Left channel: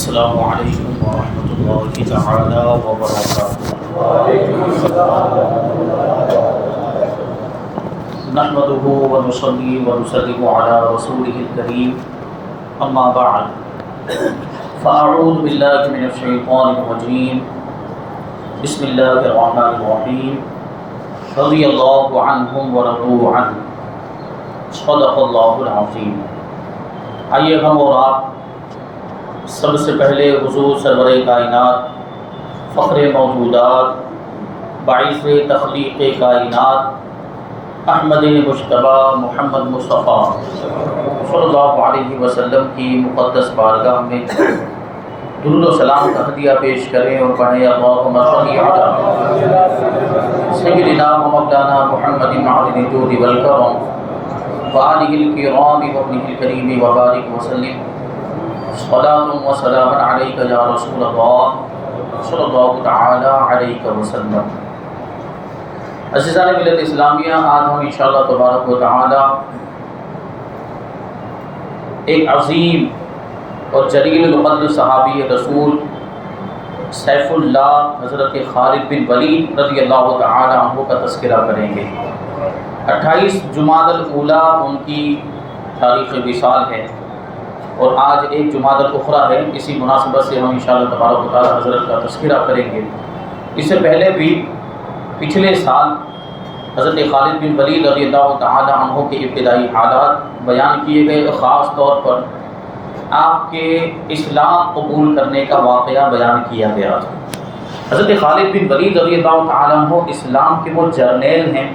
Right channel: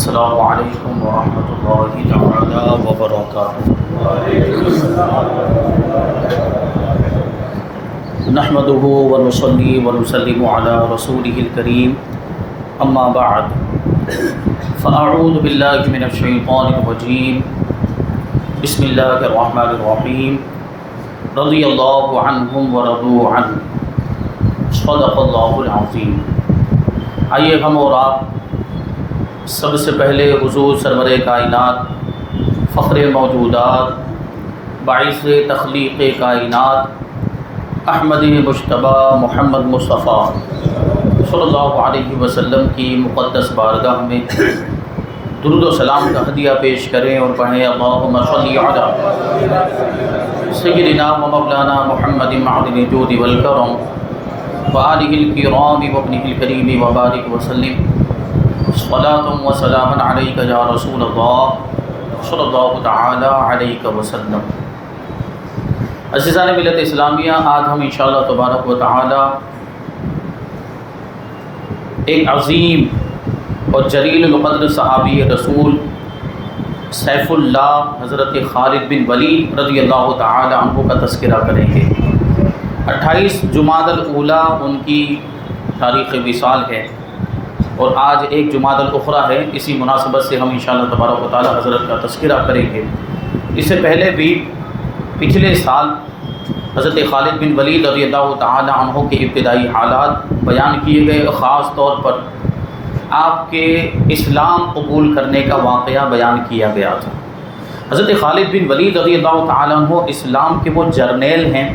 السلام علیکم ورحمۃ اللہ تعالی وبرکاتہ۔ نحمده ونصلي ونسلم على رسوله الكريم اما بعد فاعوذ باللہ من الشیطان الرجیم بسم اللہ الرحمن الرحیم رضی اللہ عنہم ورضوا عنہ صدق اللہ العظیم۔ آئیے ہم اور آپ سب سے پہلے حضور سرور کائنات، فخر موجودات، باعث تخلیق کائنات، احمد مجتبی محمد مصطفیٰ صلی اللہ علیہ وسلم کی مقدس بارگاہ میں درود و سلام کا ہدیہ پیش کریں اور پڑھیں اللہم صلی علی سیدنا و مولانا محمد معدن الجود والکرم وآلہ الکرام وابنہ الکریم وبارک وسلم صلاۃ و سلام علیک یا رسول اللہ صلی اللہ تعالی علیہ وسلم۔ عزیزان ملت اسلامیہ، آج ہم انشاءاللہ تبارک و تعالی ایک عظیم اور جلیل القدر صحابی رسول سیف اللہ حضرت خالد بن ولید رضی اللہ تعالی عنہ کا تذکرہ کریں گے۔ 28 جمادی الاولیٰ ان کی تاریخ وصال ہے اور آج 1 جمادی الاخری ہے۔ اسی مناسبت سے ہم انشاءاللہ تبارک و تعالی حضرت کا تذکرہ کریں گے۔ اس سے پہلے بھی پچھلے سال حضرت خالد بن ولید رضی اللہ تعالی عنہ کے ابتدائی حالات بیان کیے گئے، خاص طور پر آپ کے اسلام قبول کرنے کا واقعہ بیان کیا گیا تھا۔ حضرت خالد بن ولید رضی اللہ تعالی عنہ اسلام کے وہ جرنیل ہیں،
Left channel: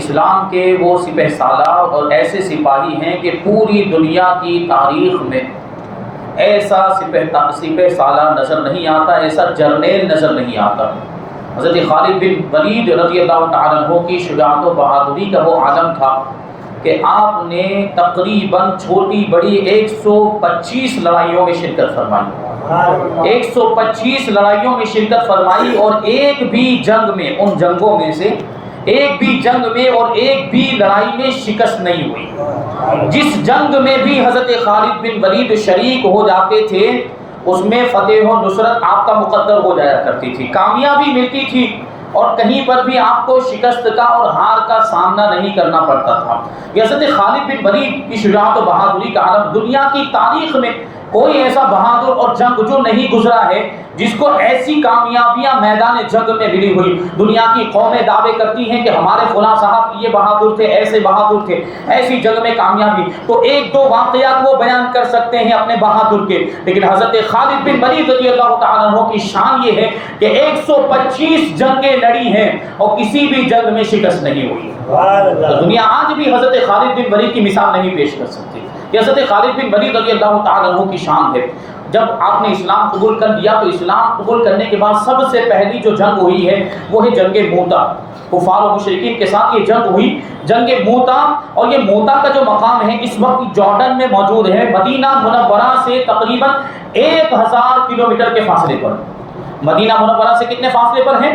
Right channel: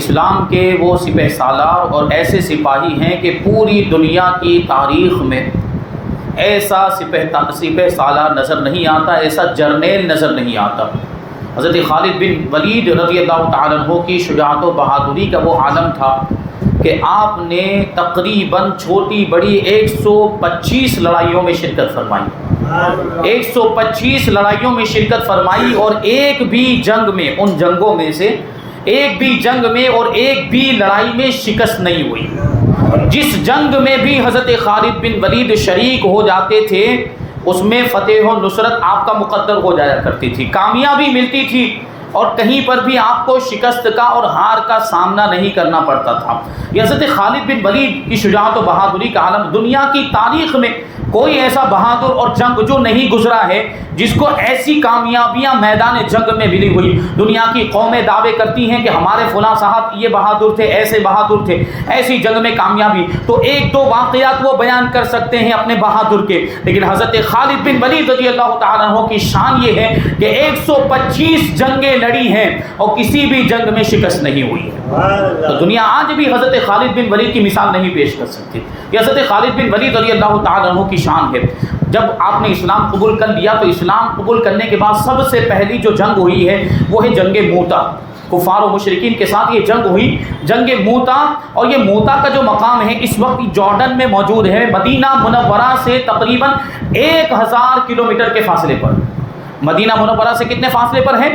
اسلام کے وہ سپہ سالار اور ایسے سپاہی ہیں کہ پوری دنیا کی تاریخ میں ایسا سپہ سالار نظر نہیں آتا، ایسا جرنیل نظر نہیں آتا۔ حضرت خالد بن ولید رضی اللہ تعالیٰ عنہ کی شجاعت و بہادری کا وہ عالم تھا کہ آپ نے تقریباً چھوٹی بڑی 125 لڑائیوں میں شرکت فرمائی، 125 لڑائیوں میں شرکت فرمائی، اور ایک بھی جنگ میں، ان جنگوں میں سے ایک بھی جنگ میں اور ایک بھی لڑائی میں شکست نہیں ہوئی۔ جس جنگ میں بھی حضرت خالد بن ولید شریک ہو جاتے تھے اس میں فتح و نصرت آپ کا مقدر ہو جایا کرتی تھی، کامیابی ملتی تھی، اور کہیں پر بھی آپ کو شکست کا اور ہار کا سامنا نہیں کرنا پڑتا تھا۔ یہ حضرت خالد بن ولید کی شجاعت و بہادری کا عالم، دنیا کی تاریخ میں کوئی ایسا بہادر اور جنگ جو نہیں گزرا ہے جس کو ایسی کامیابیاں میدان جنگ میں ملی ہوئی۔ دنیا کی قومیں دعوے کرتی ہیں کہ ہمارے فلاں صاحب یہ بہادر تھے، ایسے بہادر تھے، ایسی جنگ میں کامیابی، تو 1-2 واقعات وہ بیان کر سکتے ہیں اپنے بہادر کے، لیکن حضرت خالد بن ولید رضی اللہ تعالیٰ عنہ کی شان یہ ہے کہ 125 جنگیں لڑی ہیں اور کسی بھی جنگ میں شکست نہیں ہوئی۔ تو دنیا آج بھی حضرت خالد بن ولید کی مثال نہیں پیش کر سکتی۔ یہ حضرت خالد بن ولید رضی اللہ تعالیٰ عنہ کی شان ہے۔ جب آپ نے اسلام قبول کر لیا تو اسلام قبول کرنے کے بعد سب سے پہلی جو جنگ ہوئی ہے وہ ہے جنگ موتا۔ کفار و مشرکین کے ساتھ یہ جنگ ہوئی، جنگ موتا، اور یہ موتا کا جو مقام ہے اس وقت جارڈن میں موجود ہے، مدینہ منورہ سے تقریباً 1000 کلومیٹر کے فاصلے پر۔ مدینہ منورہ سے کتنے فاصلے پر ہے؟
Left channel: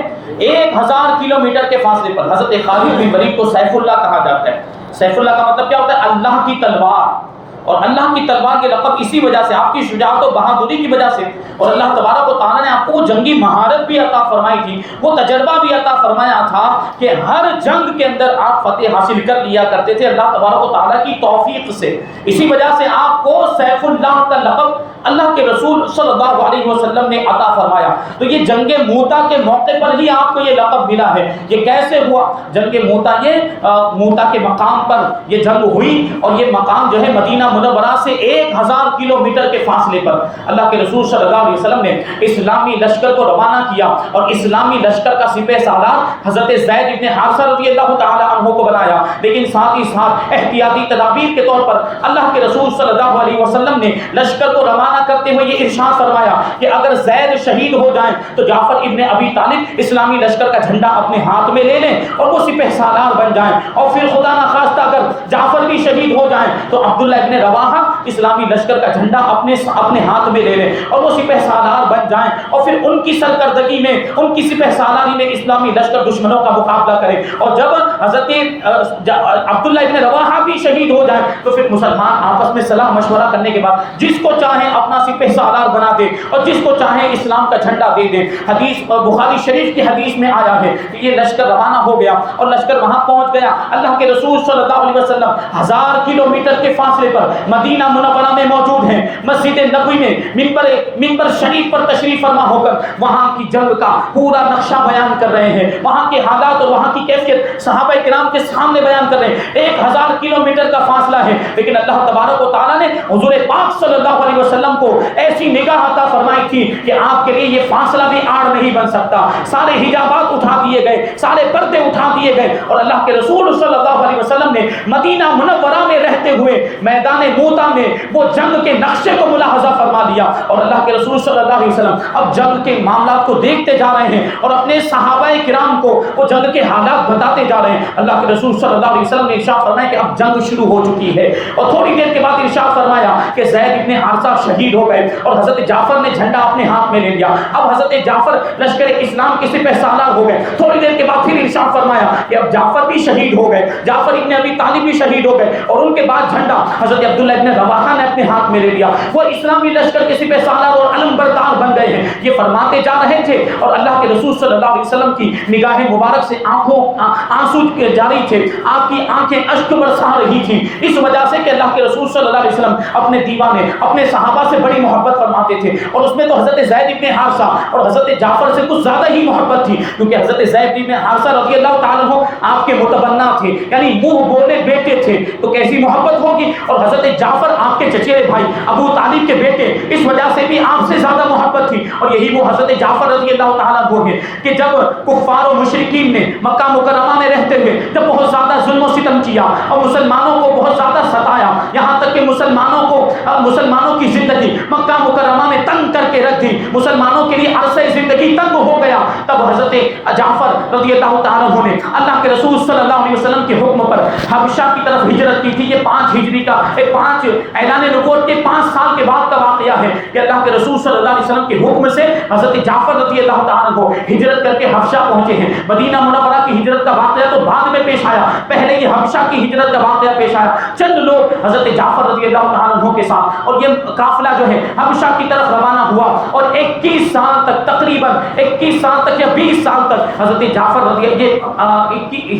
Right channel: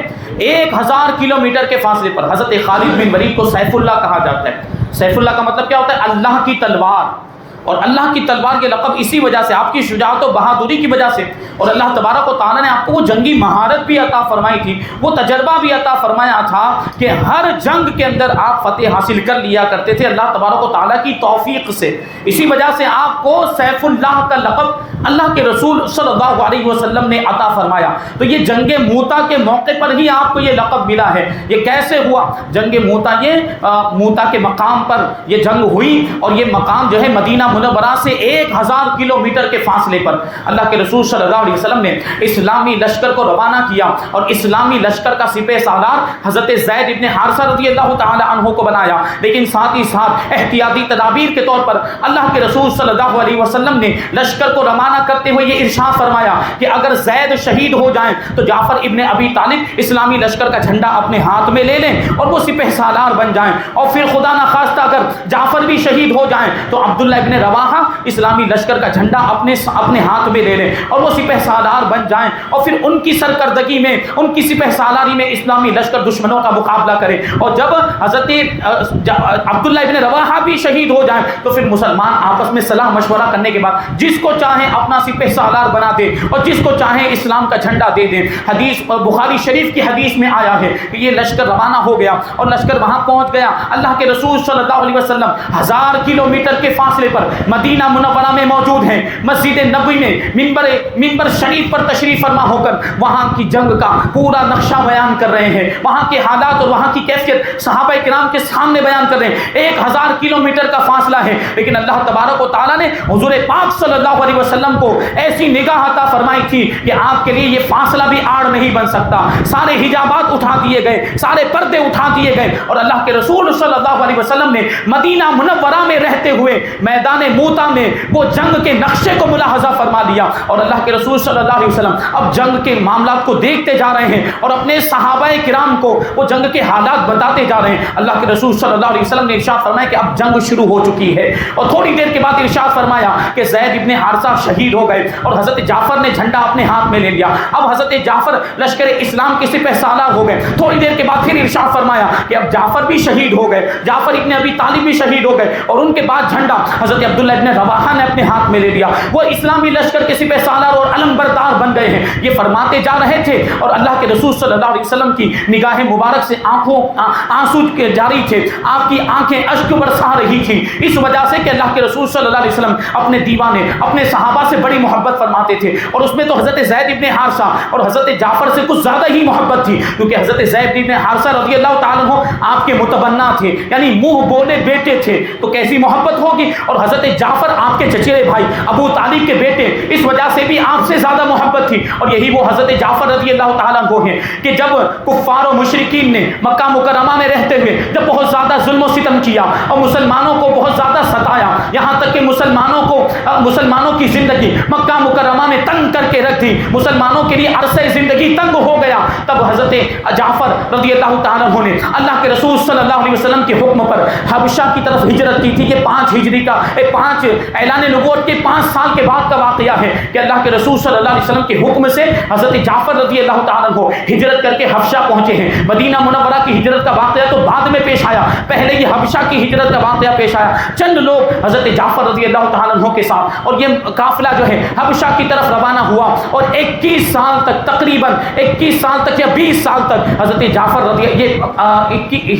1000 کلومیٹر کے فاصلے پر۔ حضرت خالد بن ولید کو سیف اللہ کہا جاتا ہے۔ سیف اللہ کا مطلب کیا ہوتا ہے؟ اللہ کی تلوار، اور اللہ کی تلوار کے لقب اسی وجہ سے، آپ کی شجاعت و بہادری کی وجہ سے، اور اللہ تبارک و تعالیٰ نے آپ کو وہ جنگی مہارت بھی عطا فرمائی تھی، وہ تجربہ بھی عطا فرمایا تھا کہ ہر جنگ کے اندر آپ فتح حاصل کر لیا کرتے تھے اللہ تبارک و تعالیٰ کی توفیق سے۔ اسی وجہ سے آپ کو سیف اللہ کا لقب اللہ کے رسول صلی اللہ علیہ وسلم نے عطا فرمایا۔ تو یہ جنگ موتا کے موقع پر ہی آپ کو یہ لقب ملا ہے۔ یہ کیسے ہوا؟ جنگ موتا، یہ موتا کے مقام پر یہ جنگ ہوئی، اور یہ مقام جو ہے مدینہ منورہ سے 1000 کلومیٹر کے فاصلے پر اللہ کے رسول صلی اللہ علیہ وسلم نے اسلامی لشکر کو روانہ کیا، اور اسلامی لشکر کا سپہ سالار حضرت زید ابن حارثہ رضی اللہ تعالی عنہ کو بنایا، لیکن ساتھ ہی ساتھ احتیاطی تدابیر کے طور پر اللہ کے رسول صلی اللہ علیہ وسلم نے لشکر کو روانہ کرتے ہوئے یہ ارشاد فرمایا کہ اگر زید شہید ہو جائیں تو جعفر ابن ابی طالب اسلامی لشکر کا جھنڈا اپنے ہاتھ میں لے لیں اور وہ سپہ سالار بن جائیں، اور پھر خدا نخواستہ اگر جعفر بھی شہید ہو جائیں تو عبداللہ ابن رواحہ اسلامی لشکر کا جھنڈا اپنے ہاتھ میں لے لیں اور وہ سپہ سالار بن جائیں اور پھر ان کی سرکردگی میں ان کی سپہ سالاری میں اسلامی لشکر دشمنوں کا مقابلہ کرے. اور جب حضرت عبداللہ ابن رواحہ بھی شہید ہو جائیں تو پھر مسلمان آپس میں صلاح مشورہ کرنے کے بعد جس کو چاہیں اپنا سپہ سالار بنا دے اور جس کو چاہیں اسلام کا جھنڈا دے دے. حدیث اور بخاری شریف کی حدیث میں آیا ہے کہ یہ لشکر روانہ ہو گیا اور لشکر وہاں پہنچ گیا. اللہ کے رسول صلی اللہ علیہ وسلم 1000 کلومیٹر کے فاصلے پر مدینہ منورہ میں موجود ہیں. مسجد نبوی میں منبر شریف پر تشریف فرما ہو کر وہاں کی جنگ کا پورا نقشہ بیان کر رہے ہیں. وہاں کے حالات اور وہاں کی کیفیت صحابہ کرام کے سامنے بیان کر رہے ہیں. 1000 کلومیٹر کا فاصلہ ہے لیکن اللہ تبارک و تعالیٰ نے حضور پاک صلی اللہ علیہ وسلم کو ایسی نگاہ عطا فرمائی تھی کہ آپ کے لیے یہ فاصلہ بھی آڑ نہیں بن سکتا. سارے حجابات اٹھا دیے گئے, سارے پردے اٹھا دیے گئے اور اللہ کے رسول صلی اللہ علیہ وسلم نے مدینہ منورہ میں رہتے ہوئے میدان موتا میں وہ جنگ کے نقشے کو ملاحظہ فرما لیا. اور اللہ کے رسول صلی اللہ علیہ وسلم اب جنگ کے معاملات کو دیکھتے جا رہے ہیں اور اپنے صحابہ کرام کو وہ جنگ کے حالات بتاتے جا رہے ہیں. اللہ کے رسول صلی اللہ علیہ وسلم نے ارشاد فرمایا کہ اب جنگ شروع ہو چکی ہے اور تھوڑی دیر کے بعد ارشاد فرمایا کہ زید ابن حارثہ شہید ہو گئے اور حضرت جعفر نے جھنڈا اپنے ہاتھ میں لے لیا. اب حضرت جعفر لشکر اسلام کے سپہ سالار ہو گئے. تھوڑی دیر کے بعد پھر ارشاد فرمایا کہ اب جعفر بھی شہید ہو گئے, جعفر ابن ابی طالب بھی شہید ہو گئے اور ان کے بعد جھنڈا حضرت عبداللہ ابن رواحہ نے اپنے ہاتھ میں لے لیا. وہ اسلامی لشکر کے سپہ سالار اور علم بردار بن گئے ہیں. یہ فرماتے جا رہے تھے اور اللہ کے رسول صلی اللہ علیہ وسلم کی نگاہ مبارک سے آنسو جاری تھے, آپ کی آنکھیں اشک برسا رہی تھی اس وجہ سے کہ اللہ کے رسول صلی اللہ علیہ وسلم اپنے دیوانے اپنے صحابہ سے بڑی محبت فرماتے تھے اور اس میں تو حضرت زید ابن حارثہ اور حضرت جعفر سے کچھ زیادہ ہی محبت تھی کیونکہ حضرت زید ابن حارثہ رضی اللہ تعالیٰ عنہ آپ کے متبنہ تھے, یعنی منہ بولے بیٹے تھے, تو کیسی محبت ہوگی. اور حضرت جعفر آپ کے چچیرے بھائی ابو طالب کے بیٹے, اس وجہ سے بھی آپ سے زیادہ محبت تھی. اور یہی وہ حضرت جعفر رضی اللہ تعالیٰ عنہ ہیں کہ جب کفار و مشرکین نے مکہ مکرمہ میں رہتے ہوئے جب بہت زیادہ ظلم و ستم کیا اور مسلمانوں کو بہت زیادہ ستایا, یہاں تک کہ مسلمانوں کی زندگی مکہ مکرمہ میں تنگ کر کے رکھ دی, مسلمانوں کے لیے عرصہ زندگی تنگ ہو گیا, تب حضرت جعفر رضی اللہ تعالیٰ عنہ نے اللہ کے رسول صلی اللہ علیہ وسلم کے حکم پر حبشہ کی طرف ہجرت کی تھی. یہ 5 ہجری کا 5 اعلان نبوت کے 5 سال کے بعد کا واقعہ ہے کہ اللہ کے رسول صلی اللہ علیہ وسلم کے حکم سے حضرت جعفر رضی اللہ تعالیٰ عنہ ہجرت کر کے حبشہ پہنچے ہیں. مدینہ منورہ کی ہجرت کا واقعہ تو بعد میں پیش آیا, پہلے یہ حبشہ کی ہجرت کا واقعہ پیش آیا. چند لوگ حضرت جعفر رضی اللہ تعالیٰ عنہ کے ساتھ اور یہ قافلہ جو ہے حبشہ کی طرف روانہ ہوا اور 21 سال تک تقریباً 21 سال تک یا 20 سال تک حضرت جعفر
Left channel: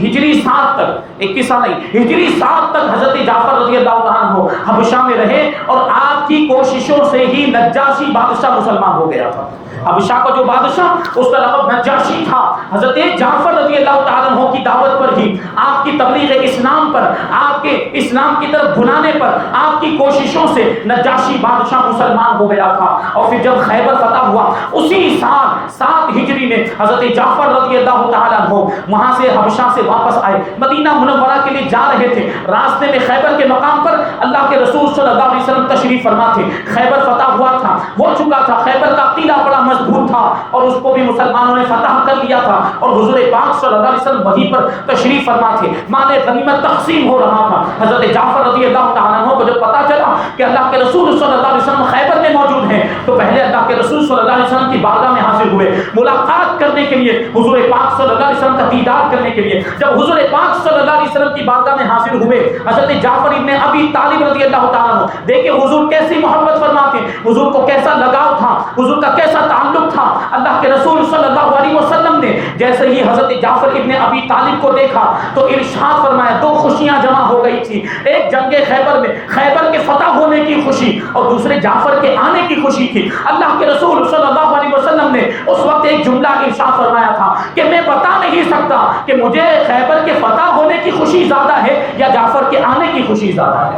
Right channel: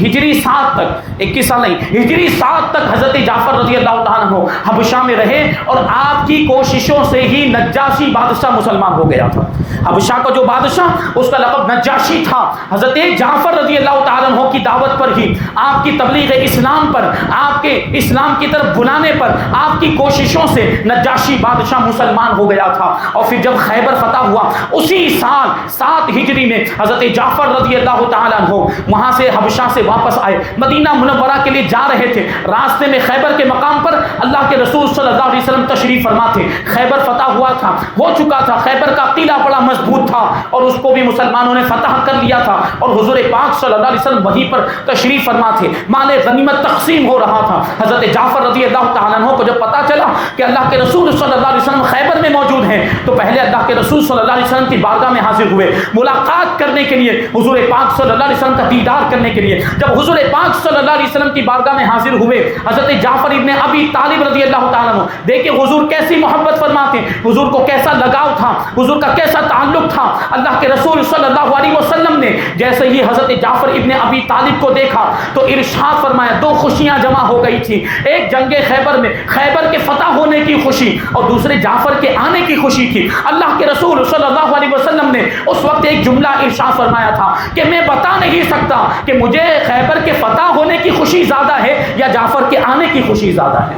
ہجری 7 تک 21 سال نہیں ہجری 7 تک حضرت جعفر رضی اللہ تعالیٰ عنہ حبشہ میں رہے اور آپ کی کوششوں سے ہی نجاشی بادشاہ مسلمان ہو گیا تھا. حبشہ کا جو بادشاہ اس کا لقب نجاشی تھا. حضرت جعفر رضی اللہ تعالیٰ عنہ کی دعوت پر ہی, آپ کی تبلیغ اسلام پر, آپ کے اسلام کی طرف بلانے پر, آپ کی کوششوں سے نجاشی بادشاہ مسلمان ہو گیا تھا. اور پھر جب خیبر فتح ہوا اسی سال 7 ہجری میں حضرت جعفر رضی اللہ تعالیٰ عنہ وہاں سے حبشہ سے واپس آئے, مدینہ منورہ کے لیے جا رہے تھے. راستے میں خیبر کے مقام پر اللہ کے رسول صلی اللہ علیہ وسلم تشریف فرما تھے. خیبر فتح ہوا تھا, ہو چکا تھا, خیبر کا قلعہ بڑا مضبوط تھا اور اس کو بھی مسلمانوں نے فتح کر لیا تھا اور حضور پاک صلی اللہ علیہ وسلم وہیں پر تشریف فرما تھے. مال غنیمت تقسیم ہو رہا تھا. حضرت جعفر رضی اللہ تعالیٰ عنہ کو جب پتا چلا کہ اللہ کے رسول صلی اللہ علیہ وسلم خیبر میں موجود ہیں تو پہلے اللہ کے رسول صلی اللہ علیہ وسلم کی بارگاہ میں حاضر ہوئے ملاقات کرنے کے لیے, حضور پاک صلی اللہ علیہ وسلم کا دیدار کرنے کے لیے. جب حضور پاک صلی اللہ علیہ وسلم کی بارگاہ میں حاضر ہوئے حضرت جعفر ابن ابی طالب رضی اللہ تعالیٰ عنہ, دیکھیں حضور کیسی محبت فرماتے, حضور کو کیسا لگاؤ تھا, حضور کا کیسا تعلق تھا. اللہ کے رسول صلی اللہ علیہ وسلم نے جیسے ہی حضرت جعفر ابن ابی طالب کو دیکھا تو ارشاد فرمایا, 2 خوشیاں جمع ہو گئی تھی. ایک جنگ خیبر میں خیبر کے فتح ہونے کی خوشی اور دوسرے جعفر کے آنے کی خوشی تھی. اللہ کے رسول صلی اللہ علیہ وسلم نے اس وقت ایک جملہ ارشاد فرمایا تھا کہ میں بتا نہیں سکتا کہ مجھے خیبر کے فتح ہونے کی خوشی زیادہ ہے یا جعفر کے آنے کی خوشی زیادہ ہے.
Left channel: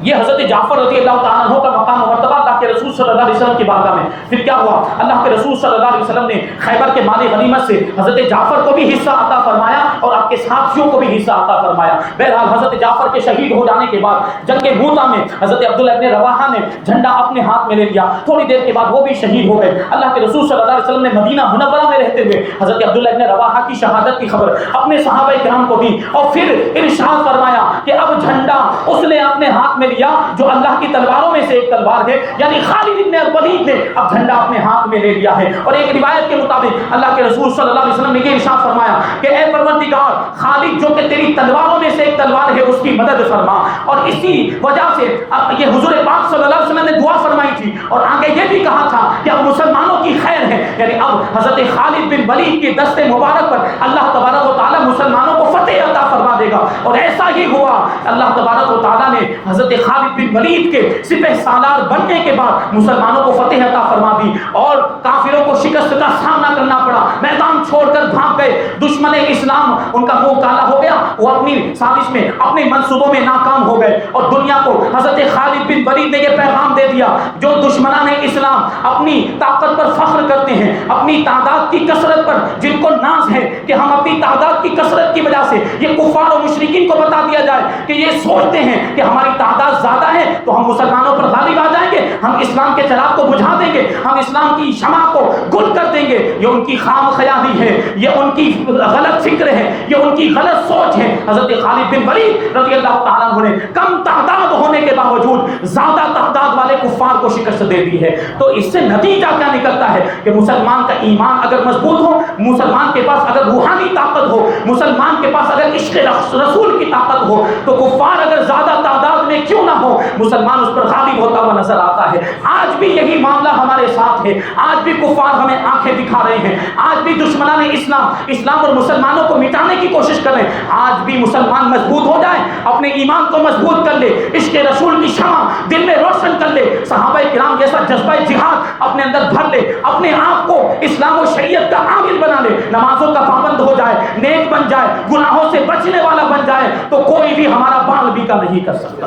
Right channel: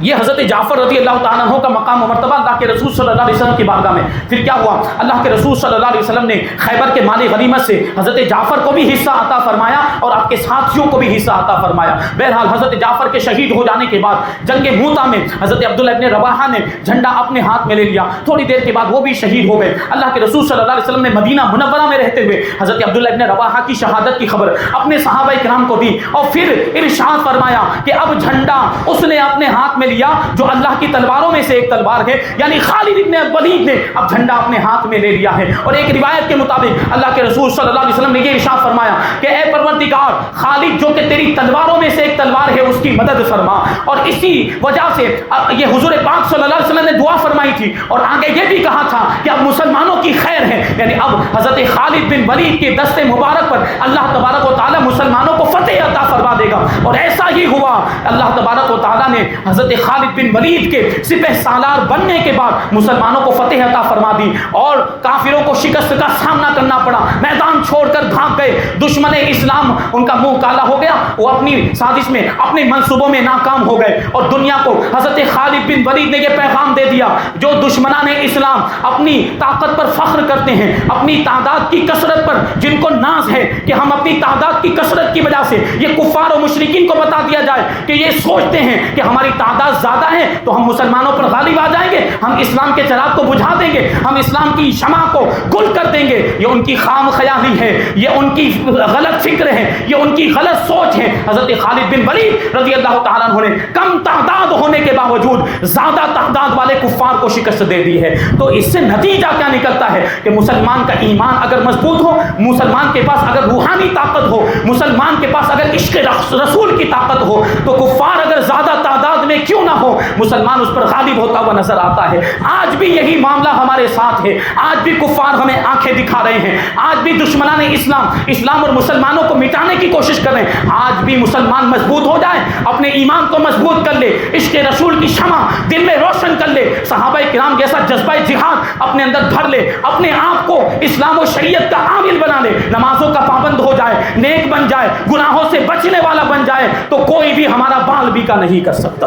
یہ حضرت جعفر رضی اللہ تعالیٰ عنہ کا مقام و مرتبہ اللہ کے رسول صلی اللہ علیہ وسلم کی بارگاہ میں. پھر کیا ہوا, اللہ کے رسول صلی اللہ علیہ وسلم نے خیبر کے مال غنیمت سے حضرت جعفر کو بھی حصہ عطا فرمایا اور آپ کے ساتھیوں کو بھی حصہ عطا فرمایا۔ بہرحال حضرت جعفر کے شہید ہو جانے کے بعد جنگ موتا میں حضرت عبداللہ ابن رواحہ نے جھنڈا اپنے ہاتھ میں لے لیا، تھوڑی دیر کے بعد وہ بھی شہید ہو گئے۔ اللہ کے رسول صلی اللہ علیہ وسلم نے مدینہ منورہ میں رہتے ہوئے حضرت عبداللہ ابن رواحہ کی شہادت کی خبر اپنے صحابہ کرام کو دی اور پھر ارشاد فرمایا کہ اب جھنڈا اس نے اپنے ہاتھ میں لیا جو اللہ کی تلواروں میں سے ایک تلوار ہے، یعنی خالد ابن ولید نے اب جھنڈا اپنے ہاتھ میں لے لیا ہے۔ اور ایک روایت کے مطابق اللہ کے رسول صلی اللہ علیہ وسلم نے یہ ارشاد فرمایا کہ اے پروردگار، خالد جو کہ تیری تلواروں میں سے ایک تلوار ہے اس کی مدد فرما۔ اور اسی وجہ سے یہ حضور پاک صلی اللہ علیہ وسلم نے دعا فرمائی تھی اور آگے یہ بھی کہا تھا کہ اب مسلمانوں کی خیر ہے، یعنی اب حضرت خالد بن ولید کے دست مبارک پر اللہ تبارک و تعالی مسلمانوں کو فتح عطا فرما دے گا۔ اور ایسا ہی ہوا، اللہ تبارک و تعالی نے حضرت خالد بن ولید کے سپہ سالار بننے کے بعد مسلمانوں کو فتح عطا فرما دی اور کافروں کو شکست کا سامنا کرنا پڑا، میدان چھوڑ کر بھاگ گئے، دشمن اسلام ان کا منہ کالا ہو گیا، وہ اپنی سازش میں اپنے منصوبوں میں ناکام ہو گئے اور دنیا کو حضرت خالد بن ولید نے یہ پیغام دے دیا، جو دشمنان اسلام اپنی طاقت پر فخر کرتے ہیں، اپنی تعداد کی کثرت پر جن کو ناز ہے کہ ہم اپنی تعداد کی کثرت کی وجہ سے، یہ کفار اور مشرکین کو بتا دیا جائے کہ یہ سوچتے ہیں کہ ہماری تعداد زیادہ ہے تو ہم مسلمانوں پر غالب آ جائیں گے، ہم اسلام کے چراغ کو بجھا دیں گے، ہم اسلام کی شمع کو گل کر دیں گے، یہ ان کی خام خیالی ہے، یہ ان کی غلط فکر ہے، یہ ان کی غلط سوچ ہے۔ حضرت خالد بن ولید رضی اللہ تعالیٰ عنہ نے کم تعداد ہونے کے باوجود زیادہ تعداد والے کفار کو شکست دے دی ہے۔ تو اس سے نتیجہ کیا نکلتا ہے کہ مسلمان کا ایمان اگر مضبوط ہو، مسلمان کے پاس اگر روحانی طاقت ہو، مسلمان کے پاس اگر عشق رسول کی طاقت ہو، تو کفار اگر زیادہ تعداد میں کیوں نہ ہو، مسلمان اس پر غالب ہوتا ہوا نظر آتا ہے۔ آج بھی یہی معاملہ ہمارے ساتھ ہے، آج بھی کفار ہمیں آنکھیں دکھا رہے ہیں، آج بھی دشمنان اسلام اور مسلمانوں کو مٹانے کی کوشش کر رہے ہیں۔ آج بھی مسلمان مضبوط ہو جائے، اپنے ایمان کو مضبوط کر لے، عشق رسول کی شمع دل میں روشن کر لے، صحابہ کرام جیسا جذبہ جہاد اپنے اندر بھر لے، اپنے آپ کو اسلام و شریعت کا عامل بنا لے، نمازوں کا پابند ہو جائے، نیک بن جائے، گناہوں سے بچنے والا بن جائے، تو کوئی بھی ہمارا بال بھی کا نہیں کر سکتا،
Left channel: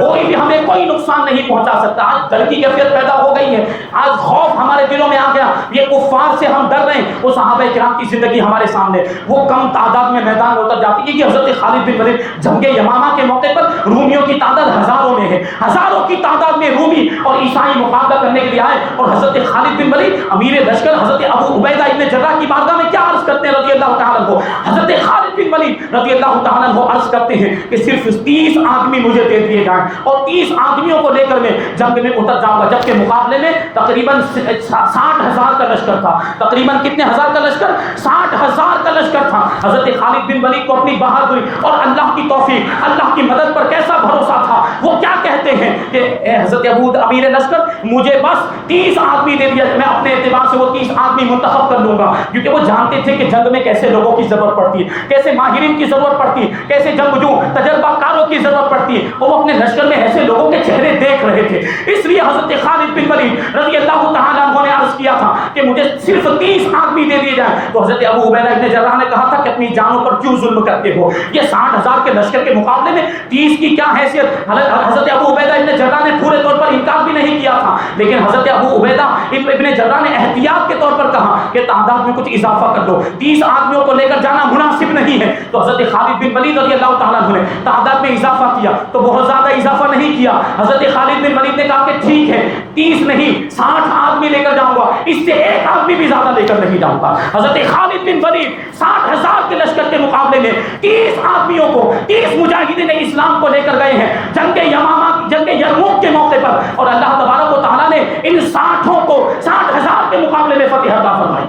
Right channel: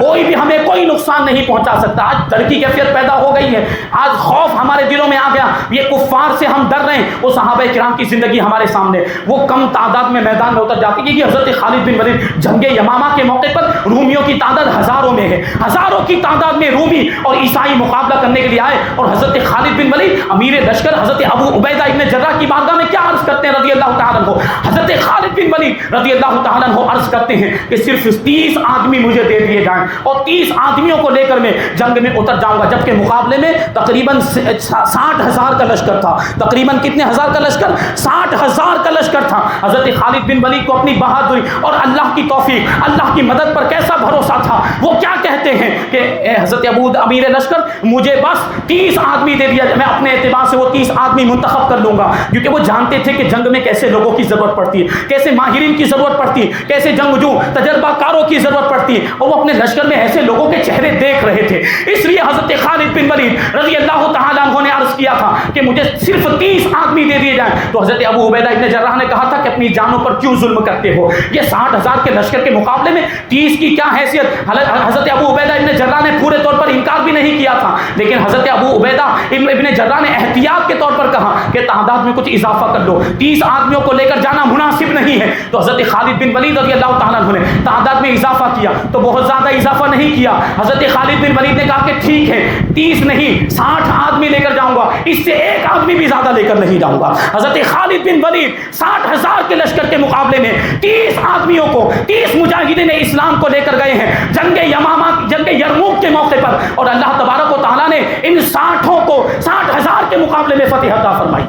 کوئی بھی ہمیں کوئی نقصان نہیں پہنچا سکتا۔ آج ڈر کی کیفیت پیدا ہو گئی ہے، آج خوف ہمارے دلوں میں آ گیا، یہ کفار سے ہم ڈر رہے ہیں۔ وہ صحابہ کرام کی زندگی ہمارے سامنے، وہ کم تعداد میں میدان میں اتر جاتی ہے کہ حضرت خالد بن ولید جنگ یمامہ کے موقع پر رومیوں کی تعداد ہزاروں میں ہے، ہزاروں کی تعداد میں رومی اور عیسائی مقابلہ کرنے کے لیے آئے، اور حضرت خالد بن ولید امیر لشکر حضرت ابو عبیدہ ابن جراح کی بارگاہ میں کیا عرض کرتے ہیں رضی اللہ تعالیٰ عنہ؟ حضرت خالد بن ولید رضی اللہ تعالیٰ عنہ عرض کرتے ہیں کہ صرف 30 آدمی مجھے دے دیے جائیں اور 30 آدمیوں کو لے کر میں جنگ میں اتر جاؤں گا، جبکہ مقابلے میں تقریباً 60,000 کا لشکر تھا۔ تقریباً کتنے ہزار کا لشکر؟ 60,000 کا لشکر تھا۔ حضرت خالد بن ولید کو اپنی بہادری اور اللہ کی توفیق، اللہ کی مدد پر کیسا بھروسہ تھا، وہ کیا کہتے ہیں کہ اے حضرت ابو امیر لشکر، مجھے بس 30 آدمی دے دیا، میں اپنے اعتبار سے وہ 30 آدمی منتخب کر لوں گا، کیونکہ وہ جانتے تھے کہ جنگ میں کیسے لوگوں کی ضرورت پڑتی ہے، کیسے ماہرین کی ضرورت پڑتی ہے، کیسے جنگجو تجربہ کاروں کی ضرورت پڑتی ہے، اور وہ اپنے لشکر میں ایسے لوگوں کے چہرے دیکھ رہے تھے۔ اس لیے حضرت خالد بن ولید رضی اللہ تعالیٰ عنہ نے عرض کیا تھا کہ مجھے صرف 30 آدمی دے دیے جائیں، تو حضرت ابو عبیدہ ابن جراح نے کہا تھا کہ اپنی جانوں پر کیوں ظلم کرتے ہو، یہ 60,000 کے لشکر کے مقابلے میں 30 کی کیا حیثیت۔ حضرت ابو عبیدہ ابن جراح نے پورے طور پر انکار بھی نہیں کیا تھا، لیکن حضرت ابو عبیدہ ابن جراح نے احتیاط کے طور پر کہا کہ تعداد میں کچھ اضافہ کر دو، 30 آدمیوں کو لے کر جانا مناسب نہیں ہے۔ تو حضرت خالد بن ولید رضی اللہ تعالیٰ عنہ نے تعداد میں اضافہ کیا، تو بہت زیادہ اضافہ نہیں کیا۔ حضرت خالد بن ولید نے کہا کہ ٹھیک ہے، 30 نہیں 60 آدمی لے کر جاؤں گا، اس سے ایک آدمی بھی زیادہ لے کر نہیں جاؤں گا۔ حضرت خالد بن ولید 60,000 کے لشکر کے مقابلے میں 30 آدمیوں کو، 30 مجاہدین اسلام کو لے کر گئے ہیں جنگ یمامہ، جنگ یرموک کے موقع پر، اور اللہ تبارک و تعالیٰ نے ان 60 کو 60,000 کے مقابلے میں فتح عطا فرمائی۔